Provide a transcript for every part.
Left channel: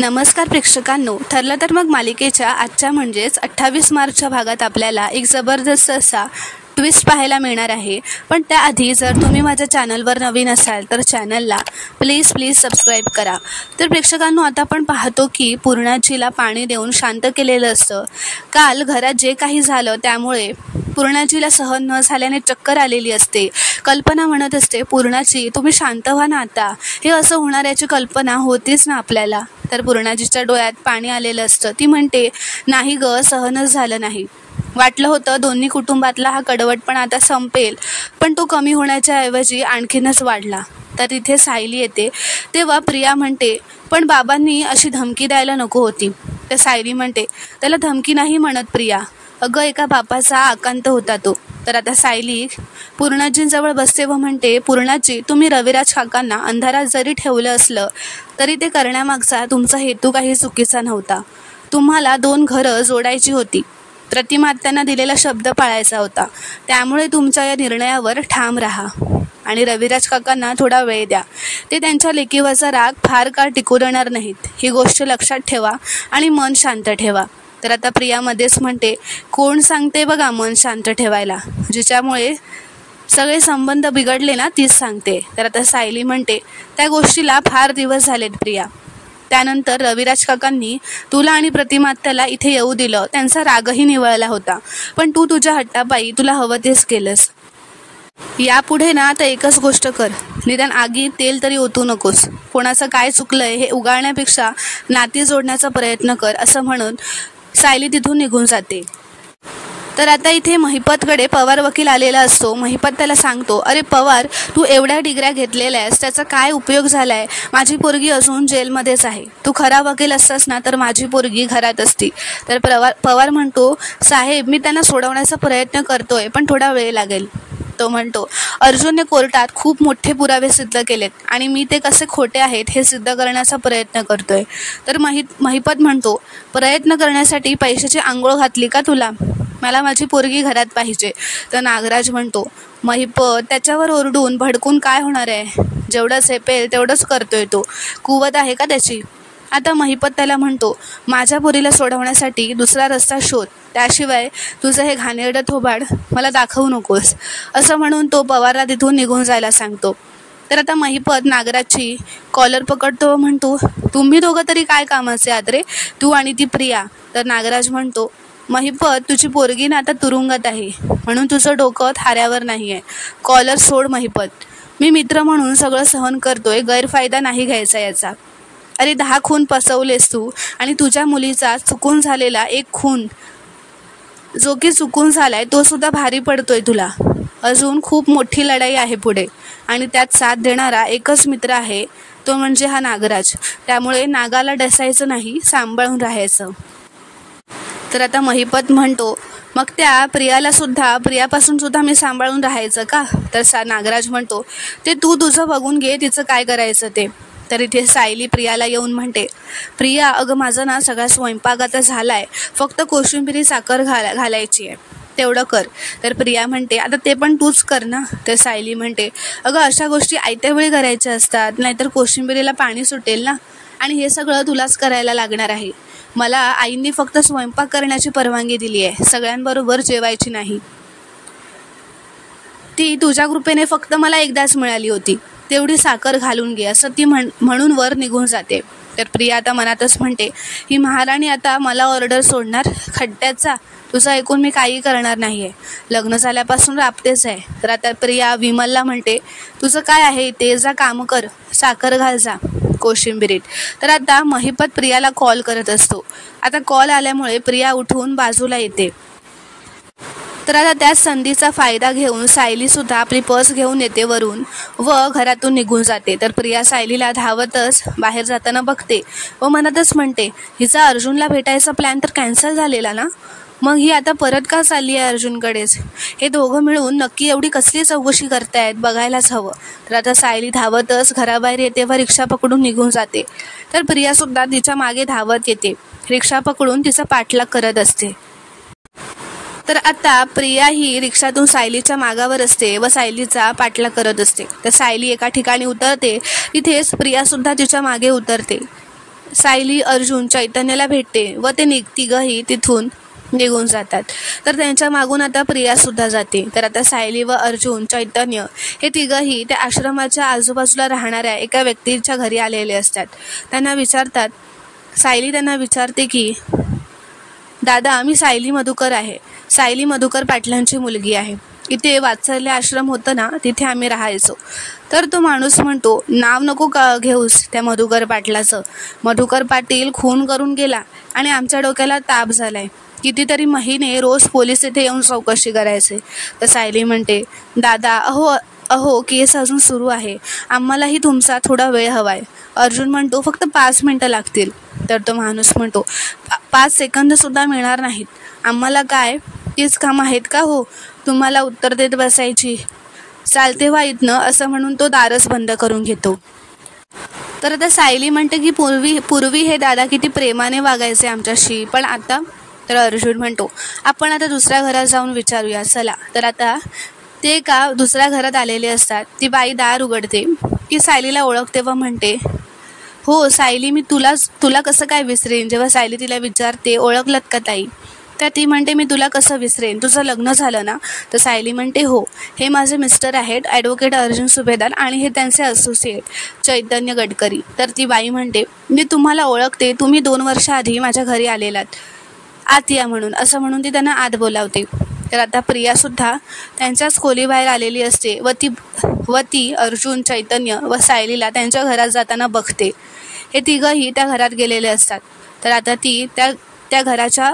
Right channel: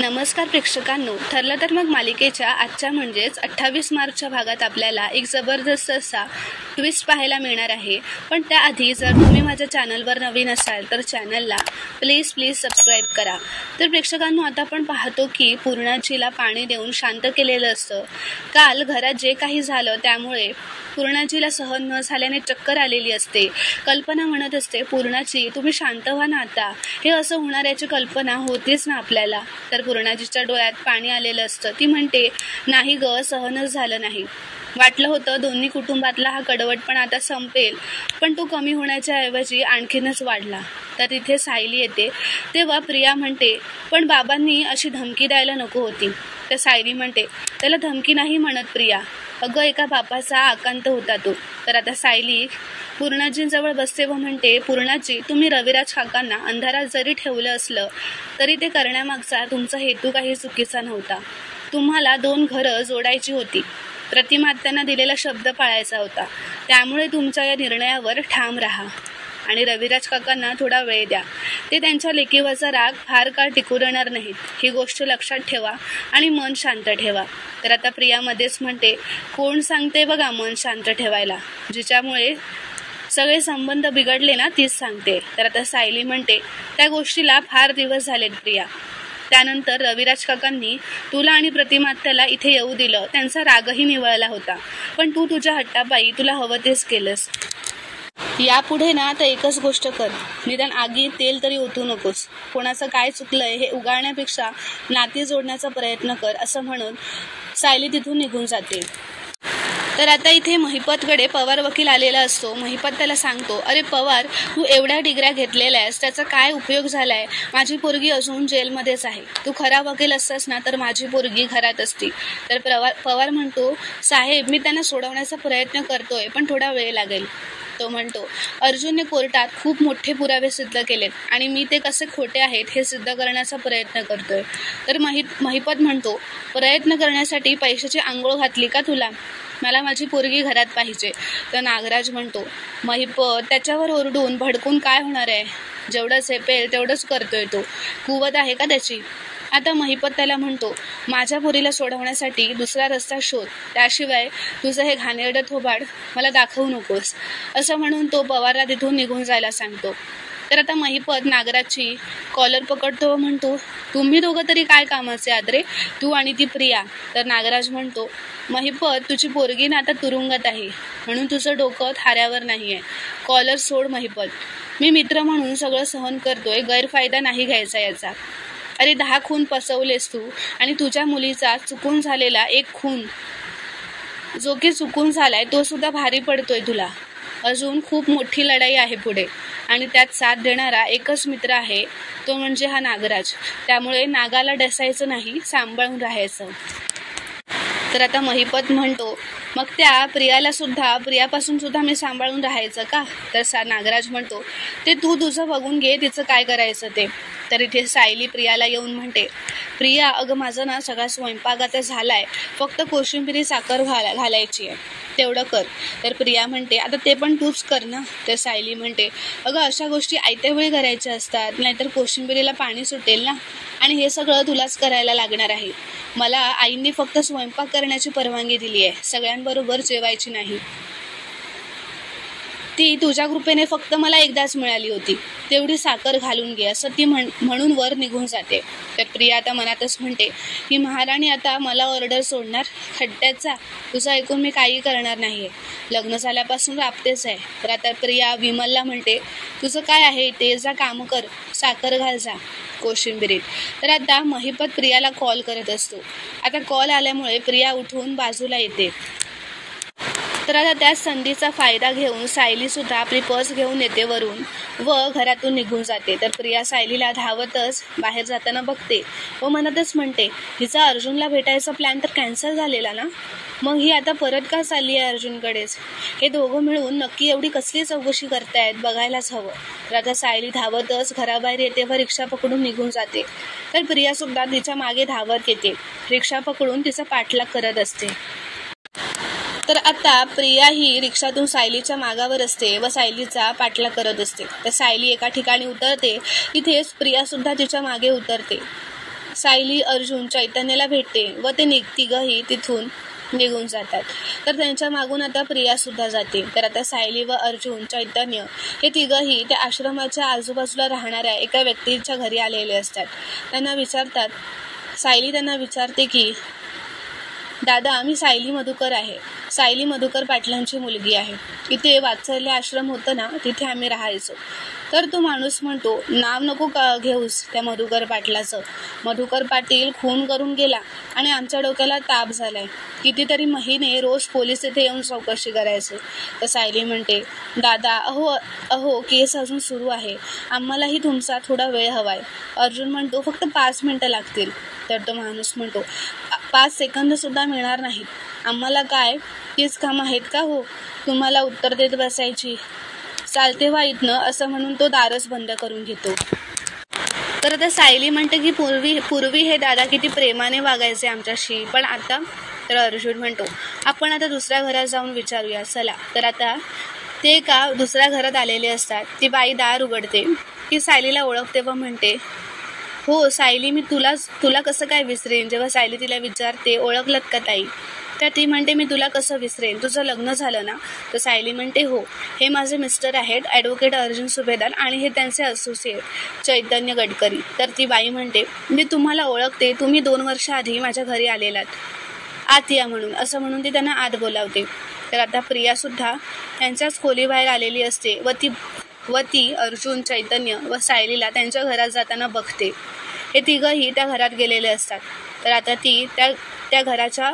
नमस्कार प्रेक्षकांनो, ठरलं तर मग मालिकेच्या आजच्या म्हणजेच 28 मार्चच्या भागात आपल्याला एक जबरदस्त असा ट्विस्ट पाहायला मिळणार आहे। पण त्याआधी जर तुम्ही माझ्या चॅनलवर नवीन असाल तर चॅनलला प्लीज सबस्क्राईब करा। तर प्रेक्षकांनो, आता आपण पाहतो की पूर्णाजीला पाणी देऊन शांत केलेलं असतं। काल घरात जे काही झालं त्यामुळे पूर्णाजीला सहन न झाल्याने चक्कर आलेली असते। कल्पना म्हणत असते, पूर्णाजी तुम्ही शांत व्हा ना, आता हे असं होणार याची कल्पना होतीच ना आपल्याला। तर पूर्णाजीच्या डोळ्यात पाणी आलेलं असतं। ती म्हणते, नाही ग, सहनच झालं नाही। वाटलं होतं दोन्ही कुटुंबातला हा कडवटपणा आता संपेल, पण तो कमी होण्याच्या ऐवजी आणखीनच वाढला। तर तिथे सायली येते। तेव्हा प्रिया म्हणते, पण बाबांनी अशी धमकी द्यायला नको होती। तर सायली म्हणते, त्याला धमकी नाही म्हणत प्रिया, अगं एका बापाचा आकांत होता तो। तर आता सायली पूर्णाजींजवळ बसते व म्हणते, पूर्णाजी तुम्ही रविराज काकांना अंधारात जरी ठेवलं असलं तरी ते करण्यामागचा तुमचा हेतू काही चुकीचा नव्हता। तुम्हाला 2 घरं जोडायची होती, प्रतिमात्यांना दिलेला शब्द पाळायचा होता। त्यामुळे तुमच्या या निर्णयावर ठाम राहा आणि रविराज काकांना थोडा वेळ द्या। ते त्यांच्या लेकीवरचा राग फार काळ टिकू देणार नाहीत, ही गोष्ट लक्षात ठेवा आणि मन शांत ठेवा। तर आता प्रिया मध्येच म्हणते, कोण सांगते बघा मन शांत ठेवायला, जिच्यामुळे सगळे संबंध बिघडले ना तीच सांगते। तर आता सायली म्हणते, त्या गोष्टीला फार दिवस झालेत प्रिया। त्यानंतर रविराज काकांनी तुला आणि प्रतिमात्याला इथे येऊ दिलं, त्यांचा रागही निवळला होता, पण तू तुझ्या हट्टापायी तुला हवं तेच केलंस। यापुढे ना आता एकच गोष्ट कर, निदान आगीत तेल तरी ओतू नकोस। कोणाचं काय चुकलंय हे उगाळण्यापेक्षा नाती जोडण्याचा प्रयत्न कर, असं म्हणून सायली तिथून निघून जाते। तर आता इथे महिपतकडे पवार वकील आलेला असतो। महिपत त्याला सांगतो, अरे पवार, तू एवढ्या डिग्र्या घेतलेल्या आहेस, त्याचा काय उपयोग झालाय? माझी पोरगी अजून जेलमध्येच आहे। तू खरा वकील असतास ना तर माझी पोरगी घरात असती। तर पवार म्हणतो, साहेब मी त्यांना सोडवण्याचा प्रयत्न करतोय, पण थोडा वेळ लागेल। तो म्हणतो, अर्जुनने कोर्टात खूप मोठे पुरावे सिद्ध केलेत आणि मी ते कसे खोटे आहेत हे सिद्ध करण्याचा प्रयत्न करतोय। तर महिपत म्हणतो, प्रयत्न करण्यासाठी पैशाची आंघोळ घातली का तुला? मला माझी पोरगी घरात पाहिजे। तर नागराज म्हणतो, महिपत त्याच्यावर ओरडून भडकून काय होणार आहे? जेवढं झेपेल तेवढंच करतोय तो, कुवत आहे का त्याची? आता महिपत त्याला म्हणतो, माझ्या पोरीला सोडवण्यासाठी दुसरा रस्ता शोध, त्याशिवाय तुझं हे घाणेरडं थोबाड मला दाखवू नकोस, असं म्हणून तो पवारला तिथून निघून जायला सांगतो। तर आता महिपत नागराजची कॉलर पकडतो व म्हणतो, तुम्ही दोघं तरी काय कामाचे आहात रे, तू आणि ती प्रिया? तर नागराज म्हणतो, महिपत तुझी पोरगी ना आता तुरुंगात आहे, म्हणून तुझं डोकं थाऱ्यावर नाही आहे। कॉलर सोड महिपत, मी मित्र म्हणून सगळं सहन करतोय, गैरफायदा नाही घ्यायचा याचा। अरे 10 खून पसवलेस तू, आणि तुझ्या मुलीचा चुकून झालेला एक खून जो की चुकून झालाय तो सुद्धा भारी पडतोय तुला। अजून खूप मोठी लढाई आहे पुढे, आणि त्यात साथ देणारा एकच मित्र आहे, तो म्हणजे हा नागराज। त्यामुळे नागाला डसायचं नाही, सांभाळून राहायचं। तर आता महिपत म्हणतो, मग त्या प्रियापासून सुद्धा मी सांभाळून राहायचं का? तर नागराज म्हणतो, ते तू तुझं बघून घे, तिचं काय करायचं ते। तर इथे सायली प्रियाला येऊन म्हणते, प्रिया अगं माझं ना सगळा स्वयंपाक आता झालाय, फक्त कोशिंबिरी साखर घालायची आहे, तेवढं कर। तर प्रिया म्हणते, आता ते पण तूच कर ना। तर सायली म्हणते, अगं अशा गोष्टी आयत्या वेळी करायच्या असतात, नाहीतर कोशिंबिरीला पाणी सुटेल ना, आणि हे सगळं तुलाच करायला लागणार आहे। मला आईंनी फक्त स्वयंपाक करण्याची परवानगी दिली आहे, सगळ्यांबरोबर जेवायची नाही। ती तुझ्या कृपेने फक्त मला एकदाच मिळाली होती, तेवढी साखर घालून घे, असं ती म्हणून वर निघून जाते। तर प्रिया आता मनातच म्हणते, ही महाराणी आता मला ऑर्डर सोडणार खड्ड्याचा, तुझं ऐकून मी काही करणार नाही आहे, लग्न झाल्यापासून राबतेच आहे। तर आता प्रिया विमलला म्हणते, तुझं काय आहे ते, जा काम कर, साखर घाल जा कोशिंबिरीत। तर आता महिपत प्रियाला कॉल करत असतो। आता कॉल आल्यामुळे प्रिया उठून बाजूला येते। तर आता त्याच संधीचा फायदा घेऊन सायली सुद्धा आपली पर्स घेऊन येते वरून व घरातून निघून जाते। तर प्रिया सायलीला धावतच बाहेर जाताना बघते व मनातच म्हणते, हिचा अर्जुनला भेटायचा प्लॅन तर कॅन्सल झालेला ना, मग ही आता परत का चालली आहे अर्जुनकडेच? हे दोघं मिळून नक्की एवढी कसली चौकशी करतायत, बघायलाच हवं। तर आता सायली धावतच घराबाहेर येते व रिक्षा पकडून निघून जाते। तर प्रियासुद्धा तिच्या मागे धावत येते, रिक्षा पकडून तिचा पाठलाग करत असते। तर आता प्रिया ही रिक्षातून सायलीच्या मागावर असते व सायलीचा पाठलाग करत असते। तर सायली एका ठिकाणी उतरते, तिथेच प्रिया सुद्धा तिच्या मागे उतरते। सायली अर्जुन चैतन्याला भेटते व ते तिघंही तिथून निघून जातात. तर त्यांच्या मागून आता प्रिया सुद्धा जाते. तर आता सायली व अर्जुन चैतन्य हे तिघंही त्या आश्रमाच्या आजूबाजूला राहणाऱ्या एका व्यक्तीच्या घरी आलेले असतात. त्यांना विचारतात, सायली त्यांना विचारते की दादा, मी सायली मधुकर आहे. सायली मधुकर पाटलांची मुलगी आहे. इथे वात्सल्य आश्रम होतं ना, तिथे आम्ही राहायचो. तर तो माणूस म्हणतो, नाव नको का घेऊस त्या मधुकर पाटलाचं. मधुकर पाटील खून करून गेला आणि आमच्या डोक्याला ताप झालाय. कितीतरी महिने रोज पोलीस इथे येऊन चौकशी करायचे. तर सायली म्हणते, दादा अहो केस अजून सुरू आहे. आम्हालाही तुमचा थोडा वेळ हवाय. अर्जुन म्हणतो, फक्त 5 मिनटं लागतील. तर तो माणूस म्हणतो, 5 सेकंदसुद्धा मिळणार नाहीत. आम्हाला काय तीच कामं आहेत का हो तुम्हाला उत्तर देत बसायची. चालते व्हा इथनं, असं म्हणून तो दारच बंद करून घेतो. तर आता सायली म्हणते की पूर्वी हे दादा किती प्रेमाने वागायचे आमच्याशी, पण आता. तर अर्जुन म्हणतो, आपण आता दुसऱ्या घरात जाऊन विचारूया चला. तर आता ते का दुसऱ्या घरात आलेले असतात. ती बाई दार उघडते. ती सायलीला ओळखते व म्हणते, हो सायली, मी तुला कसं काय विसरेन. जेव्हा सायली तिला विचारते, ओळखलत का ताई. तर ती म्हणते, मी तुला कसं विसरेन, तुझं लग्न झालं ना. तर सायली म्हणते, हो, हे माझे मिस्टर आहेत ॲडव्होकेट अर्जुन सुभेदार आणि हे त्यांचे असोसिएट चैतन्य गडकरी. तर ती बाई म्हणते, मी तुम्हाला ओळखते, तुम्ही 2 वर्षाआधी माझ्या घरी आलेलात, आत या म्हणून. असं म्हणून ती त्यांना आत बोलावते. तर आता प्रियासुद्धा त्यांच्याच खोलीबाहेर आलेली असते व ती अर्जुन, चैतन्य व सायलीला त्यांच्या घरात जाताना बघते. हे तिघंही त्या घरात गेलेले असतात. तर आता ती त्या घराच्या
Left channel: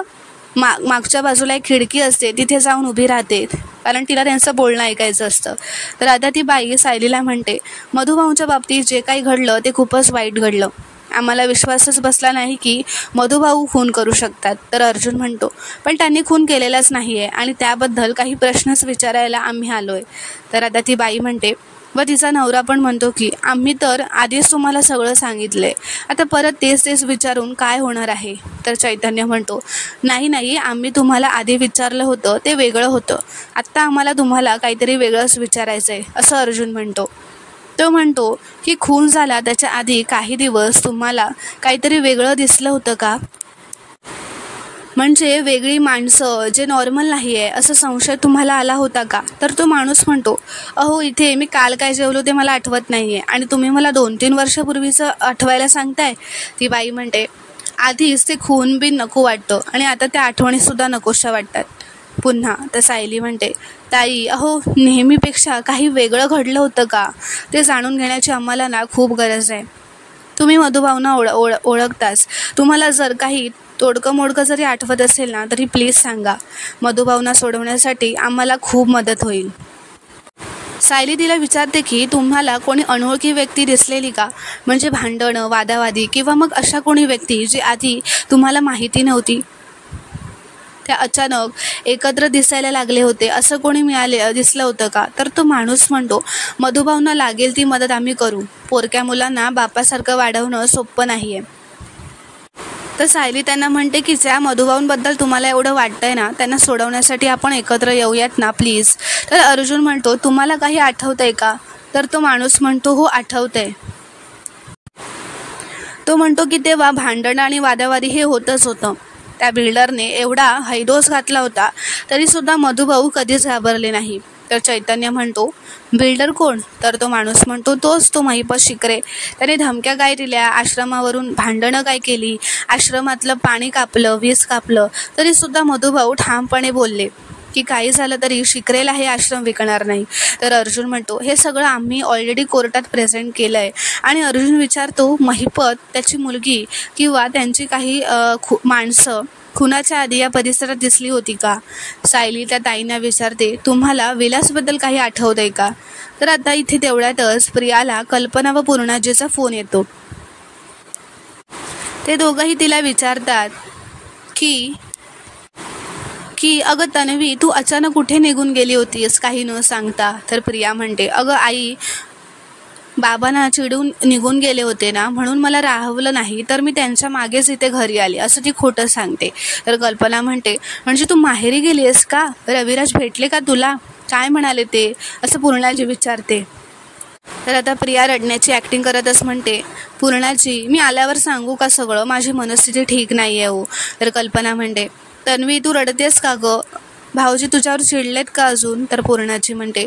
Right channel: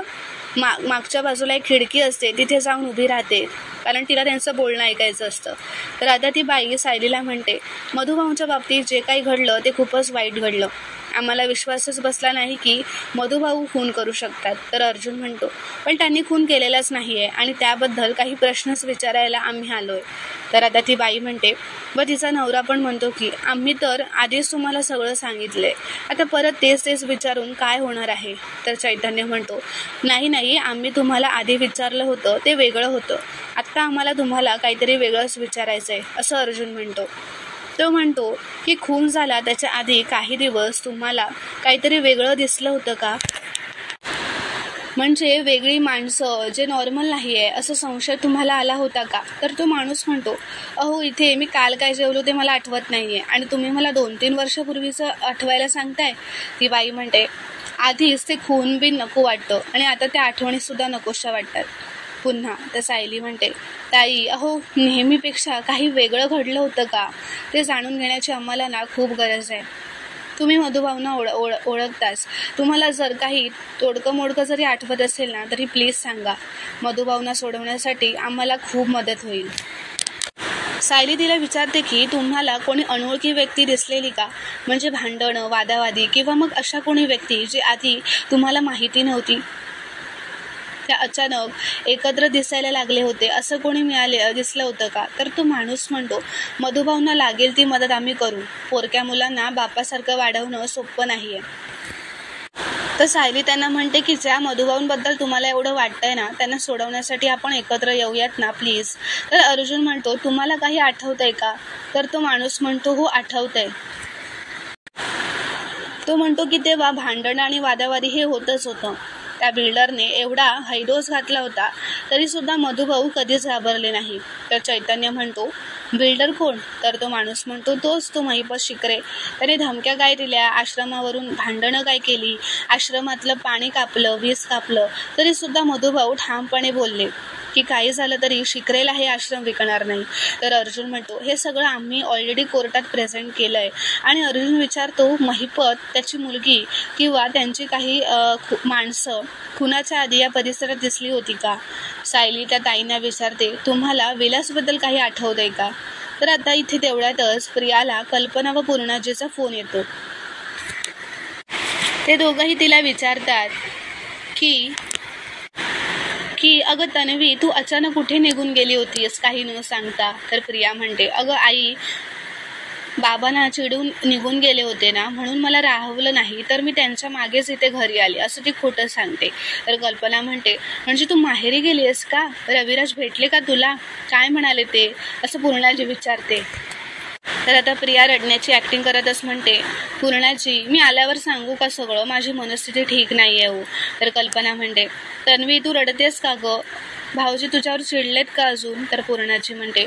मागच्या बाजूला एक खिडकी असते, तिथे जाऊन उभी राहते, कारण तिला त्यांचं बोलणं ऐकायचं असतं. तर आता ती बाई सायलीला म्हणते, मधुभाऊंच्या बाबतीत जे काही घडलं ते खूपच वाईट घडलं. आम्हाला विश्वासच बसला नाही की मधुभाऊ खून करू शकतात. तर अर्जुन म्हणतो, पण त्यांनी खून केलेलाच नाही आहे आणि त्याबद्दल काही प्रश्नच विचारायला आम्ही आलो आहे. तर आता ती बाई म्हणते व तिचा नवरा पण म्हणतो की आम्ही तर आधीच तुम्हाला सगळं सांगितलं आहे, आता परत तेच विचारून काय होणार आहे. तर चैतन्य म्हणतो, नाही, आम्ही तुम्हाला आधी विचारलं होतं ते वेगळं होतं, आत्ता आम्हाला तुम्हाला काहीतरी वेगळंच विचारायचं आहे, असं अर्जुन म्हणतो. तो म्हणतो की खून झाला त्याच्या आधी काही दिवस तुम्हाला काहीतरी वेगळं दिसलं होतं का, म्हणजे वेगळी माणसं जे नॉर्मल नाही आहे असं संशय तुम्हाला आला होता का. तर तो माणूस म्हणतो, अहो इथे मी काल काय जेवलो ते मला आठवत नाही आहे आणि तुम्ही मला 2-3 वर्षापूर्वीचं आठवायला सांगताय. ती बाई म्हणते, आधीच ते खून बिन नको वाटतं आणि आता त्या आठवणीसुद्धा नकोशा वाटतात पुन्हा. तर सायली म्हणते, ताई अहो नेहमीपेक्षा काही वेगळं घडलं होतं का, ते जाणून घेण्याची आम्हाला ना खूप गरज आहे. तुम्ही मधुभावना ओळखताच, तुम्हाला जर काही तोडकं मोडकं जरी आठवत असेल ना तरी प्लीज सांगा. मधुभावना सोडवण्यासाठी आम्हाला खूप मदत होईल. सायली तिला विचारते की तुम्हाला कोणी अनोळखी व्यक्ती दिसलेली का, म्हणजे भांडणं, वादावादी किंवा मग अशा कोणी व्यक्ती जी आधी तुम्हाला माहिती नव्हती, त्या अचानक एकत्र दिसायला लागले होते, असं कोणी दिसलं होतं का. तर तो माणूस म्हणतो, मधुभावना लागेल ती मदत आम्ही करू. पोरक्या मुलांना बापासारखं वाढवणं सोपं नाही आहे. तर सायली त्यांना म्हणते की ज्या मधुभाऊंबद्दल तुम्हाला एवढं वाटतंय ना त्यांना सोडवण्यासाठी आपण एकत्र येऊयात ना प्लीज. तर अर्जुन म्हणतो, तुम्हाला काही आठवतंय का. तर तो माणूस म्हणतो, हो आठवतंय. तो म्हणतो की तेव्हा भांडणं आणि वादावादी हे होतच होतं. त्या बिल्डरने एवढा हैदोस घातला होता तरीसुद्धा मधुभाऊ कधीच घाबरले नाही. तर चैतन्य म्हणतो, बिल्डर कोण. तर तो माणूस म्हणतो, तोच तो महिपत शिकरे. त्याने धमक्या काय दिल्या, आश्रमावरून भांडणं काय केली, आश्रमातलं पाणी कापलं, वीज कापलं, तरीसुद्धा मधुभाऊ ठामपणे बोलले की काही झालं तरी शिकरेला हे आश्रम विकणार नाही. तर अर्जुन म्हणतो, हे सगळं आम्ही ऑलरेडी कोर्टात प्रेझेंट केलं आहे. आणि अर्जुन विचारतो, महिपत, त्याची मुलगी किंवा त्यांची काही माणसं खुनाच्या आधी या परिसरात दिसली होती का. सायली त्या ताईंना विचारते, तुम्हाला विलासबद्दल काही आठवतंय का. तर आता इथे तेवढ्यातच प्रियाला कल्पना व पूर्णाजीचा फोन येतो. ते दोघंही तिला विचारतात की अगं तन्वी, तू अचानक कुठे निघून गेली होतीस काही न सांगता. तर प्रिया म्हणते, अगं आई, बाबांना चिडून निघून गेले होते ना, म्हणून मला राहवलं नाही, तर मी त्यांच्या मागेच इथे घरी आली, असं ती खोटं सांगते. तर कल्पना म्हणते, म्हणजे तू माहेरी गेली आहेस का, रविराज भेटले का तुला, काय म्हणाले ते, असं पूर्णाजी विचारते. तर आता प्रिया रडण्याची ॲक्टिंग करतच म्हणते, पूर्णाजी मी आल्यावर सांगू का सगळं, माझी मनस्थिती ठीक नाही आहे हो. तर कल्पना म्हणते, तन्वी तू रडतेस का गं, भाऊजी तुझ्यावर चिडलेत का अजून. तर पूर्णाची म्हणते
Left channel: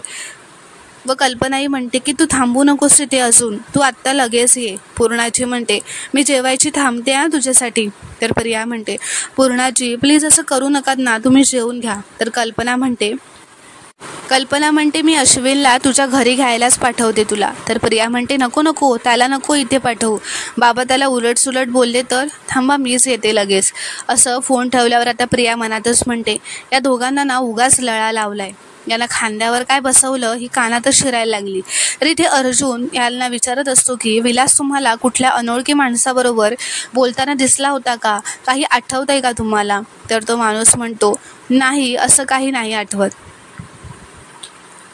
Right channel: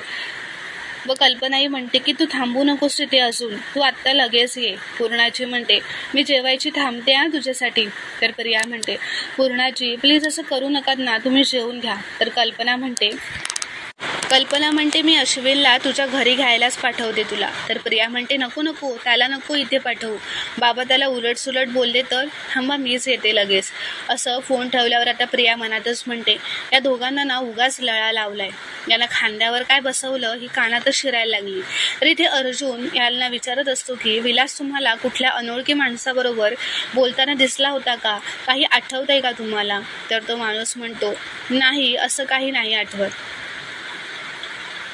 व कल्पनाही म्हणते की तू थांबू नकोस तिथे अजून, तू आत्ता लगेच ये. पूर्णाची म्हणते मी जेवायची थांबते तुझ्यासाठी. तर प्रिया म्हणते पूर्णाजी प्लीज असं करू नका ना, तुम्ही जेवून घ्या. तर कल्पना म्हणते मी अश्विनला तुझ्या घरी घ्यायलाच पाठवते तुला. तर प्रिया म्हणते नको नको, त्याला नको इथे पाठवू, बाबा त्याला उलटसुलट बोलले तर, थांबा मीच येते लगेच. असं फोन ठेवल्यावर आता प्रिया मनातच म्हणते या दोघांना ना उगाच लळा लावलाय, यांना खांद्यावर काय बसवलं ही कानातच शिरायला लागली. तर इथे अर्जुन यांना विचारत असतो की विलास तुम्हाला कुठल्या अनोळखी माणसाबरोबर बोलताना दिसला होता का, काही आठवतंय का तुम्हाला. तर तो माणूस म्हणतो नाही असं काही नाही आठवत.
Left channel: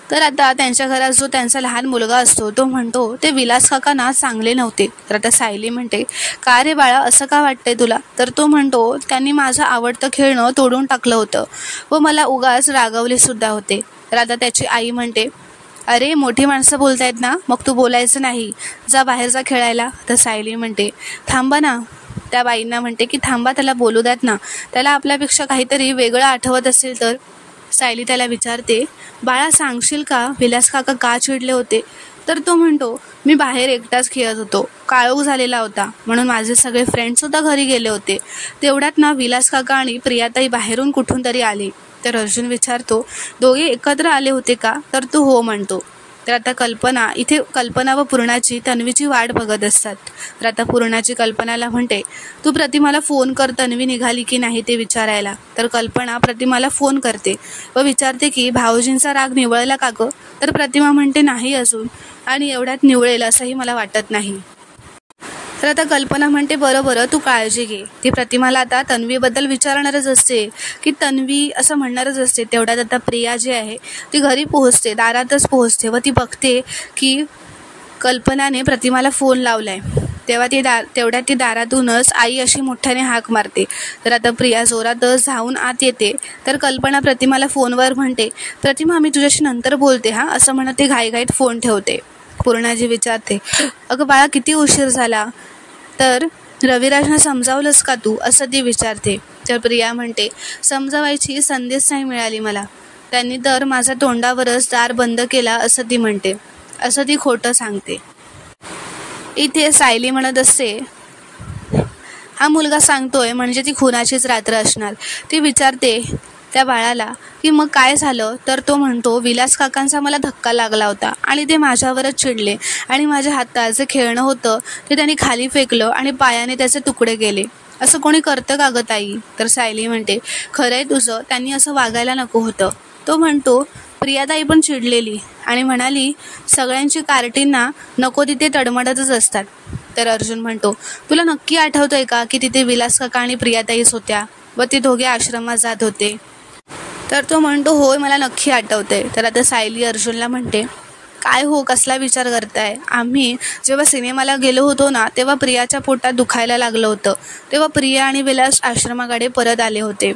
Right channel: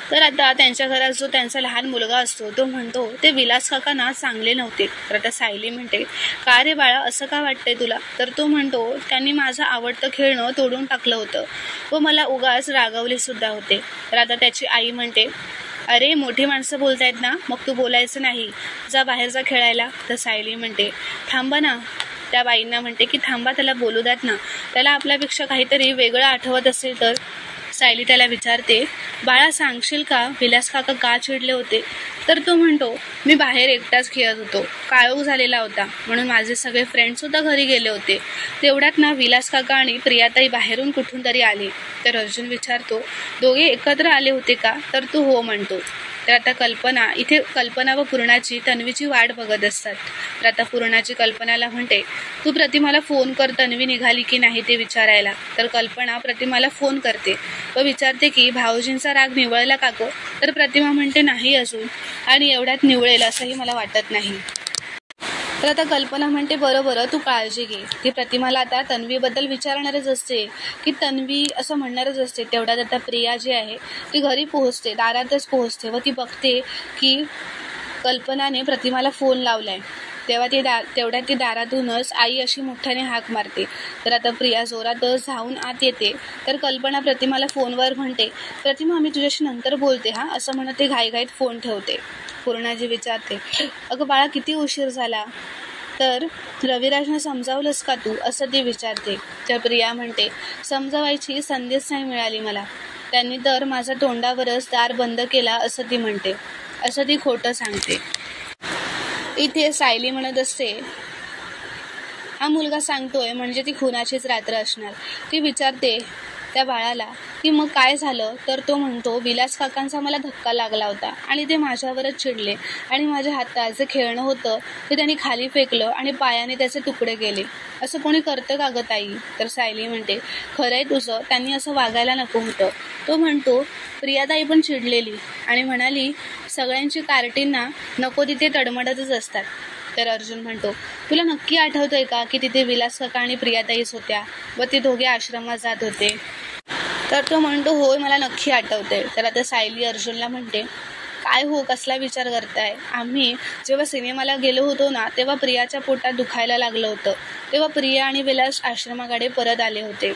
तर आता त्यांच्या घरात जो त्यांचा लहान मुलगा असतो तो म्हणतो ते विलास काका ना चांगले नव्हते. तर आता सायली म्हणते का रे बाळा असं का वाटतंय तुला. तर तो म्हणतो त्यांनी माझं आवडतं खेळणं तोडून टाकलं होतं व मला उगाच रागवले सुद्धा होते. तर आता त्याची आई म्हणते अरे मोठी माणसं बोलतायत ना, मग तू बोलायचं नाही, जा बाहेर जा खेळायला. तर सायली म्हणते थांबा ना, त्या बाईंना म्हणते की थांबा त्याला बोलू द्यात ना, त्याला आपल्यापेक्षा काहीतरी वेगळं आठवत असेल तर. सायली त्याला विचारते बाळा सांगशील का विलास काका का चिडले होते. तर तो म्हणतो मी बाहेर एकटाच खेळत होतो, काळोख झालेला होता म्हणून माझे सगळे फ्रेंड्ससुद्धा घरी गेले होते. तेवढ्यात ना विलास काका आणि प्रियाताई बाहेरून कुठून तरी आले. तर अर्जुन विचारतो दोघे एकत्र आले होते का. तर तो हो म्हणतो. तर आता कल्पना व पूर्णाची तन्वीची वाट बघत असतात. तर आता पूर्णाची कल्पनाला म्हणते तू प्रतिमाला फोन कर, तन्वी निघाली की नाही ते विचारायला. तर कल्पना प्रतिमाला फोन करते व विचारते की भाऊजींचा राग निवळला का गं. तर प्रतिमा म्हणते नाही अजून, आणि एवढ्यात निवळेल असंही मला वाटत नाही. तर आता कल्पना म्हणते बरं तू काळजी घे. ती प्रतिमाला आता तन्वीबद्दल विचारणारच असते की तन्वी असं म्हणणारच असते. तेवढ्यात आता प्रिया जी आहे ती घरी पोहोचते, दारातच पोहोचते व ती बघते की कल्पनाने प्रतिमाला फोन लावलाय. तेवढ्यात ती दारातूनच आई अशी मोठ्याने हाक मारते. तर आता प्रिया जोरातच धावून आत येते. तर कल्पना प्रतिमाला फोनवर म्हणते प्रतिमा मी तुझ्याशी नंतर बोलते असं म्हणत ते घाईघाईत फोन ठेवते. पूर्णाजी विचारते अगं बाळा किती उशीर झाला. तर रविराजनं समजावलंस का तू असं ती विचारते. तर प्रिया म्हणते समजावायची संधीच नाही मिळाली मला, त्यांनी तर माझ्या तोंडावरच दार बंद केला असं ती म्हणते. असं ती खोटं सांगते. इथे सायली म्हणत असते हा मुलगा सांगतोय म्हणजे ती खुनाचीच रात्र असणार. ती विचारते त्या बाळाला की मग काय झालं. तर तो म्हणतो विलास काकांचा मला धक्का लागला होता आणि ते माझ्यावरच चिडले आणि माझ्या हातात जे खेळणं होतं ते त्यांनी खाली फेकलं आणि पायाने त्याचे तुकडे केले. असं कोणी करतं का गं ताई. तर सायली म्हणते खरंय तुझं, त्यांनी असं वागायला नको होतं. तो म्हणतो प्रियाताई पण चिडलेली आणि म्हणाली सगळ्यांची कार्टींना नको तिथे तडमडतच असतात. तर अर्जुन म्हणतो तुला नक्की आठवतंय का की तिथे विलास काका आणि प्रियाताईच होत्या व ते दोघे आश्रमात जात होते. तर तो म्हणतो होय मला नक्की आठवतंय. तर आता सायली अर्जुनला म्हणते काय हो कसला विचार करताय, आम्ही जेव्हा सिनेमाला गेलो होतो ना तेव्हा प्रियाच्या पोटात दुखायला लागलं होतं, तेव्हा प्रिया आणि विलास आश्रमाकडे परत आले होते,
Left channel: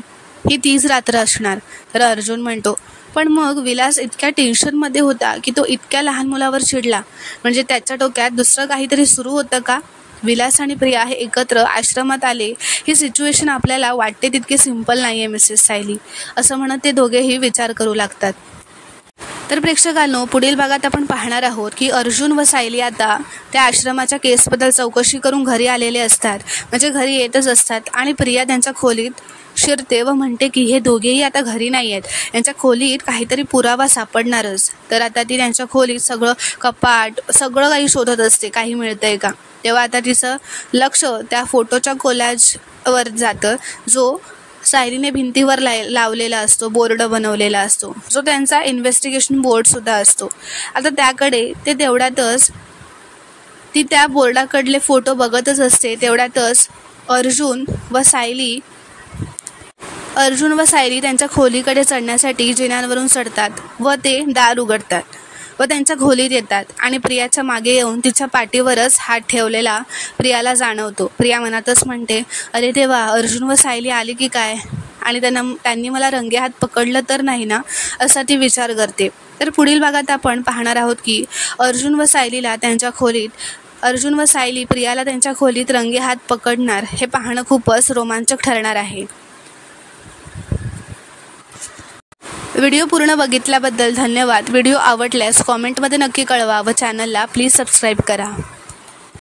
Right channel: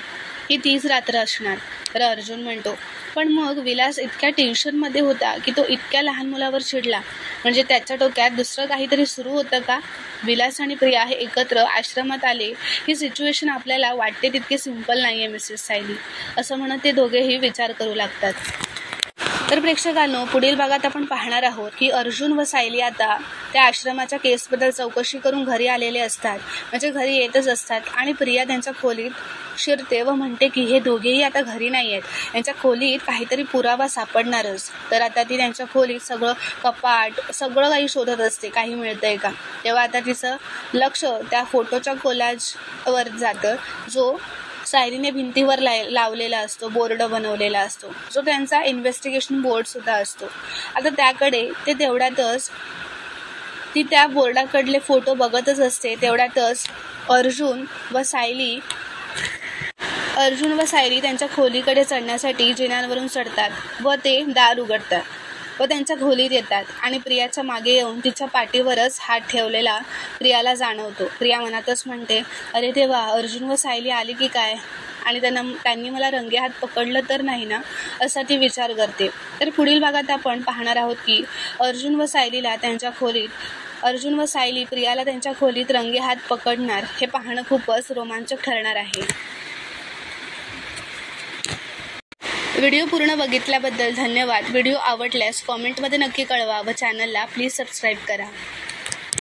ही तीच रात्र असणार. तर अर्जुन म्हणतो पण मग विलास इतक्या टेन्शनमध्ये होता की तो इतक्या लहान मुलावर चिडला, म्हणजे त्याच्या डोक्यात दुसरं काहीतरी सुरू होतं का. विलास आणि प्रिया हे एकत्र आश्रमात आले ही सिच्युएशन आपल्याला वाटते तितकी सिंपल नाही आहे मिसेस सायली, असं म्हणत ते दोघेही विचार करू लागतात. तर प्रेक्षकांनो पुढील भागात आपण पाहणार आहोत की अर्जुन व सायली आता त्या आश्रमाच्या केसबद्दल चौकशी करून घरी आलेले असतात, म्हणजे घरी येतच असतात आणि प्रिया त्यांच्या खोलीत शिरते व म्हणते की हे दोघेही आता घरी नाही आहेत, यांच्या खोलीत काहीतरी पुरावा सापडणारच. तर आता ती त्यांच्या खोलीत सगळं कपाट सगळं काही शोधत असते काही मिळतंय का. तेव्हा आता तिचं लक्ष त्या फोटोच्या कोलॅजवर जातं जो सायलीने भिंतीवर लावलेला असतो, बोर्ड बनवलेला असतो, जो त्यांचा इन्व्हेस्टिगेशन बोर्डसुद्धा असतो. आता त्याकडे ते तेवढ्यातच ती त्या बोर्डाकडले फोटो बघतच असते. तेवढ्यातच अर्जुन व सायली त्यांच्या खोलीकडे चढण्यासाठी जिन्यांवरून चढतात व ते दार उघडतात व त्यांच्या खोलीत येतात आणि प्रियाच्या मागे येऊन तिच्या पाठीवरच हात ठेवलेला प्रियाला जाणवतो. प्रिया मनातच म्हणते अरे देवा अर्जुन व सायली आली की काय. आणि त्यांनी मला रंगेहात पकडलं तर नाही ना, असा ती विचार करते. तर पुढील भागात आपण पाहणार आहोत की अर्जुन व सायली प्रियाला त्यांच्या खोलीत रंगेहात पकडणार. हे पाहणं खूपच रोमांचक ठरणार आहे. व्हिडिओ पूर्ण बघितल्याबद्दल धन्यवाद. व्हिडिओ आवडल्यास कॉमेंटमध्ये नक्की कळवा व चॅनलला प्लीज सबस्क्राईब करा.